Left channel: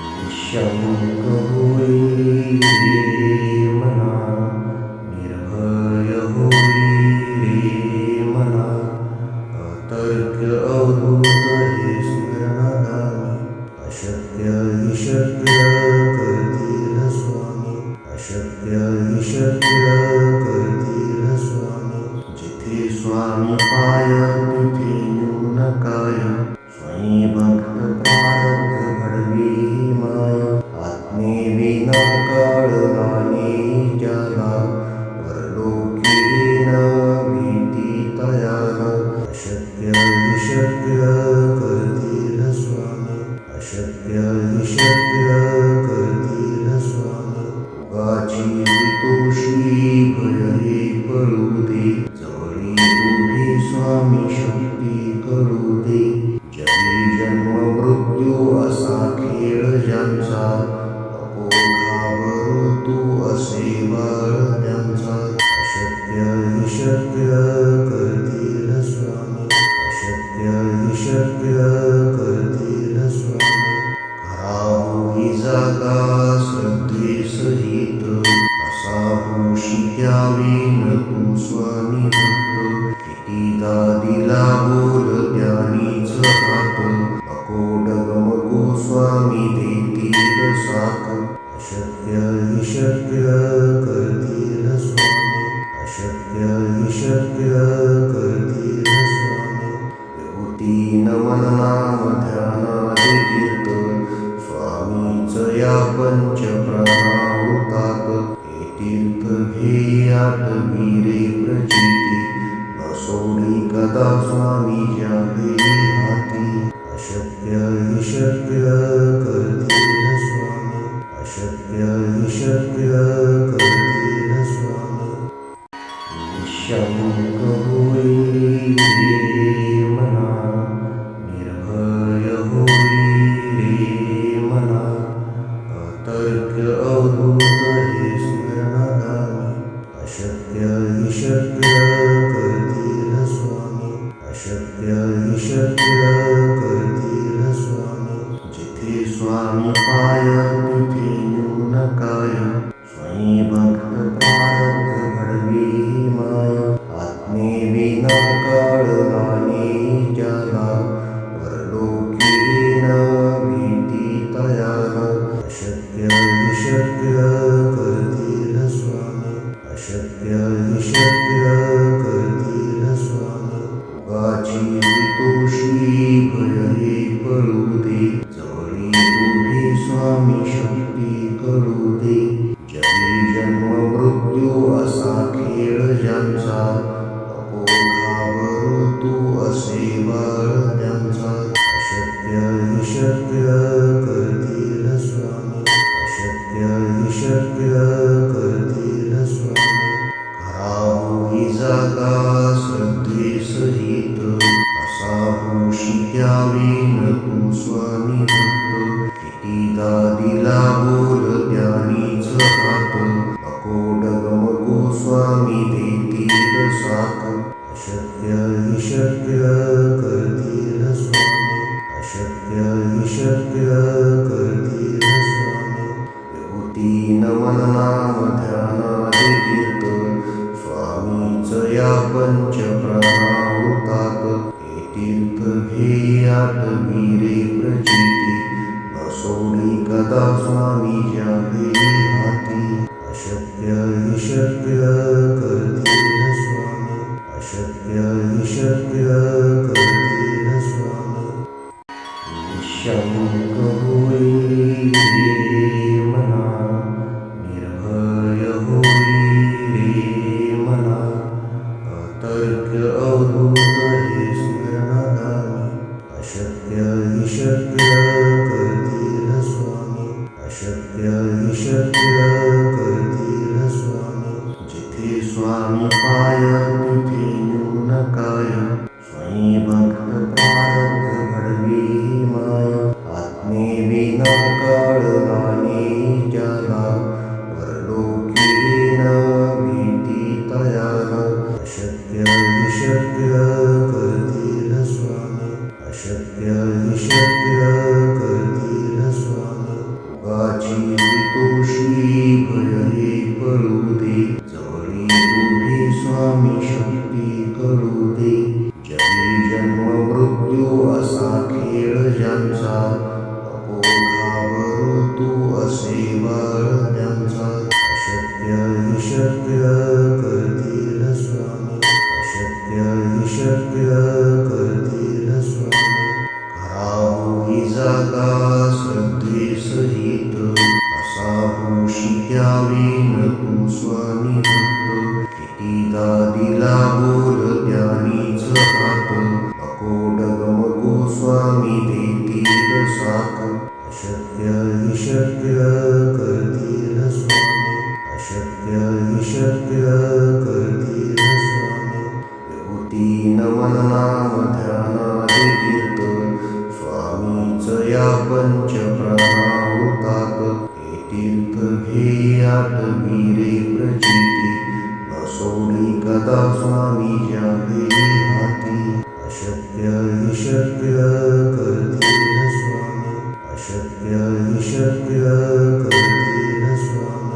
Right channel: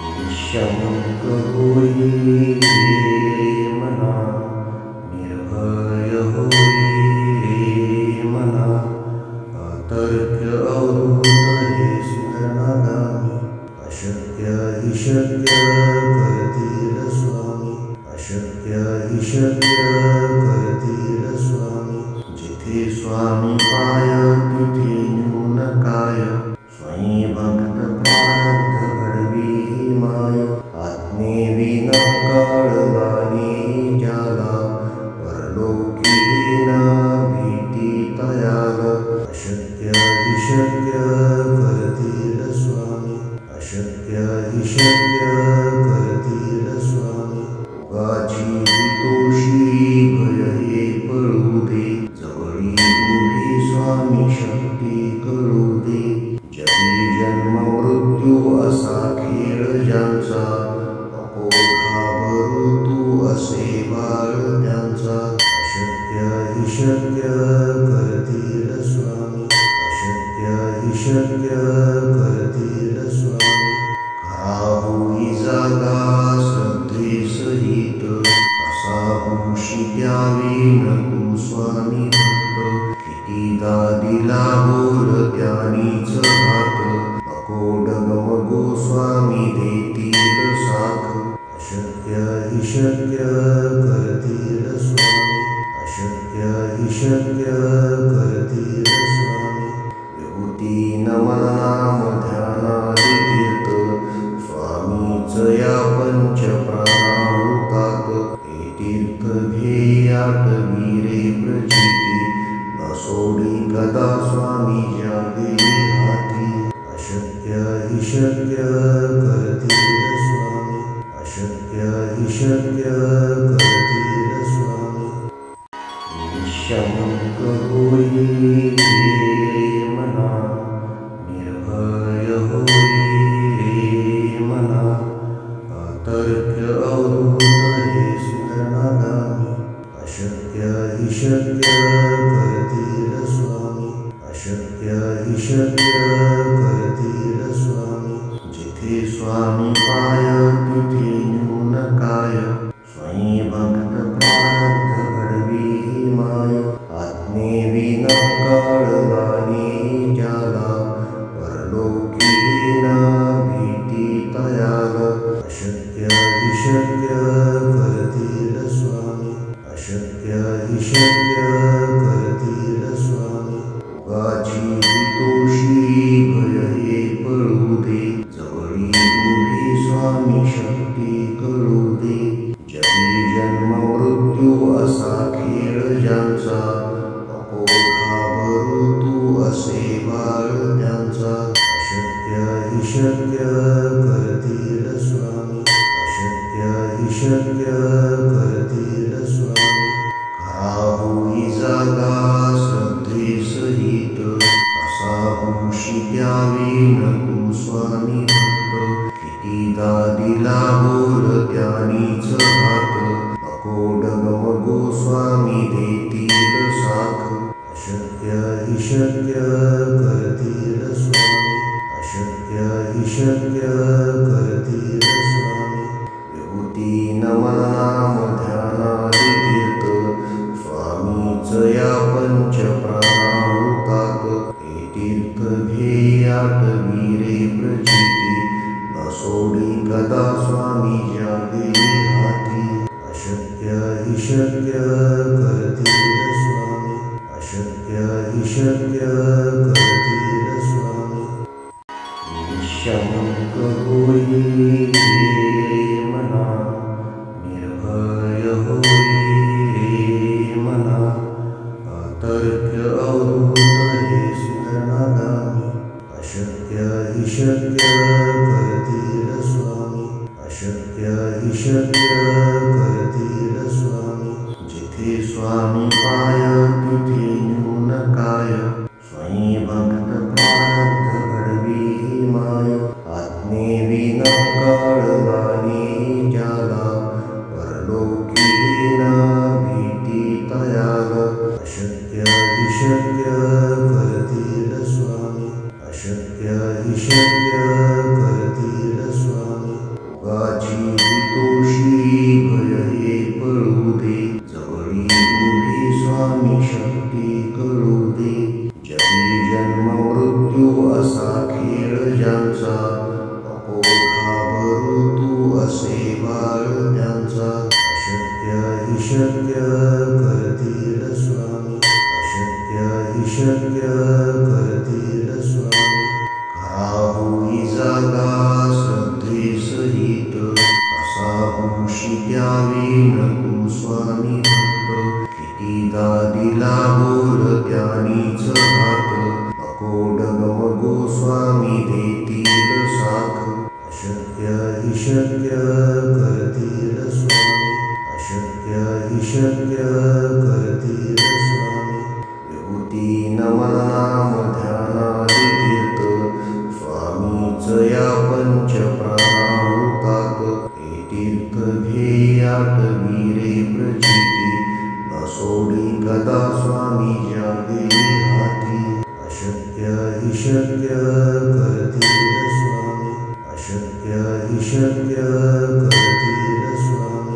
निःशंक होई रे मना, निर्भय होई रे मना, अतर्क्य अवधूत हे स्मरणागामी, अशक्य हि शक्य करतील स्वामी, अशक्य हि शक्य करतील स्वामी. जिथे स्वामी पाय तिथे न्यून काय, स्वयं भक्त प्रारब्ध घडवी ही माय. आत्मेविना कळला नाही ज्याला, परलोकी न भीती तयाला. अशक्य हि शक्य करतील स्वामी, अशक्य हि शक्य करतील स्वामी. उगाची तोषी भय हे पळू दे, जवळी उभी स्वामी शक्ती कळू दे. जगी जन्म मृत्यू असा खेळ ज्यांचा, नको घाबरू तू असे बाळ त्यांचा. अशक्य हि शक्य करतील स्वामी, अशक्य हि शक्य करतील स्वामी. खरा होई जागा श्रद्धे सहित, असा होशी द्यावी न तू स्वामी भक्त. कितीदा दिला बोल त्यानीच हात, नको डगमगू स्वामी देतील साथ. अशक्य हि शक्य करतील स्वामी, अशक्य हि शक्य करतील स्वामी. विभूती नमन नाम ध्यानादि तीर्थ, स्वामीच या पंच प्राणामृतात. हे तीर्थ घेई आठवी रे प्रचिती, न सोडी कदा स्वामी ज्या घेई हाती. अशक्य हि शक्य करतील स्वामी, अशक्य हि शक्य करतील स्वामी. निःशंक होई रे मना, निर्भय होई रे मना, अतर्क्य अवधूत हे स्मरणागामी. अशक्य हि शक्य करतील स्वामी, अशक्य हि शक्य करतील स्वामी. जिथे स्वामी पाय तिथे न्यून काय, स्वयं भक्त प्रारब्ध घडवी ही माय. आत्मेविना कळला नाही ज्याला, परलोकी न भीती तयाला. अशक्य हि शक्य करतील स्वामी, अशक्य हि शक्य करतील स्वामी. उगाची तोषी भय हे पळू दे, जवळी उभी स्वामी शक्ती कळू दे. जगी जन्म मृत्यू असा खेळ ज्यांचा, नको घाबरू तू असे बाळ त्यांचा. अशक्य हि शक्य करतील स्वामी, अशक्य हि शक्य करतील स्वामी. खरा होई जागा श्रद्धे सहित, असा होशी द्यावी न तू स्वामी भक्त. कितीदा दिला बोल त्यानीच हात, नको डगमगू स्वामी देतील साथ. अशक्य हि शक्य करतील स्वामी, अशक्य हि शक्य करतील स्वामी. विभूती नमन नाम ध्यानादि तीर्थ, स्वामीच या पंच प्राणामृतात. हे तीर्थ घेई आठवी रे प्रचिती, न सोडी कदा स्वामी ज्या घेई हाती. अशक्य हि शक्य करतील स्वामी, अशक्य हि शक्य करतील स्वामी. निःशंक होई रे मना, निर्भय होई रे मना, अतर्क्य अवधूत हे स्मरणागामी. अशक्य हि शक्य करतील स्वामी, अशक्य हि शक्य करतील स्वामी. जिथे स्वामी पाय तिथे न्यून काय, स्वयं भक्त प्रारब्ध घडवी ही माय. आत्मेविना कळला नाही ज्याला, परलोकी न भीती तयाला. अशक्य हि शक्य करतील स्वामी, अशक्य हि शक्य करतील स्वामी. रोगाची भीतोशी भय हे पळू दे, जवळी उभी स्वामी शक्ती कळू दे. जगी जन्म मृत्यू असा खेळ ज्यांचा, नको घाबरू तू असे बाळ त्यांचा. अशक्य हि शक्य करतील स्वामी, अशक्य हि शक्य करतील स्वामी. खरा होई जागा श्रद्धेसहित, असा होशी त्यावेन तू स्वामी भक्त. कितीदा दिला बोल त्यानीच हात, नको डगमगू स्वामी देतील साथ. अशक्य हि शक्य करतील स्वामी, अशक्य हि शक्य करतील स्वामी. विभूती नमन नाम ध्यानादि तीर्थ, स्वामीच या पंच प्राणामृतात. हे तीर्थ घे आठवी रे प्रचिती, न सोडी कदा स्वामी जागे हाती. अशक्य हि शक्य करतील स्वामी, अशक्य हि शक्य करतील स्वामी.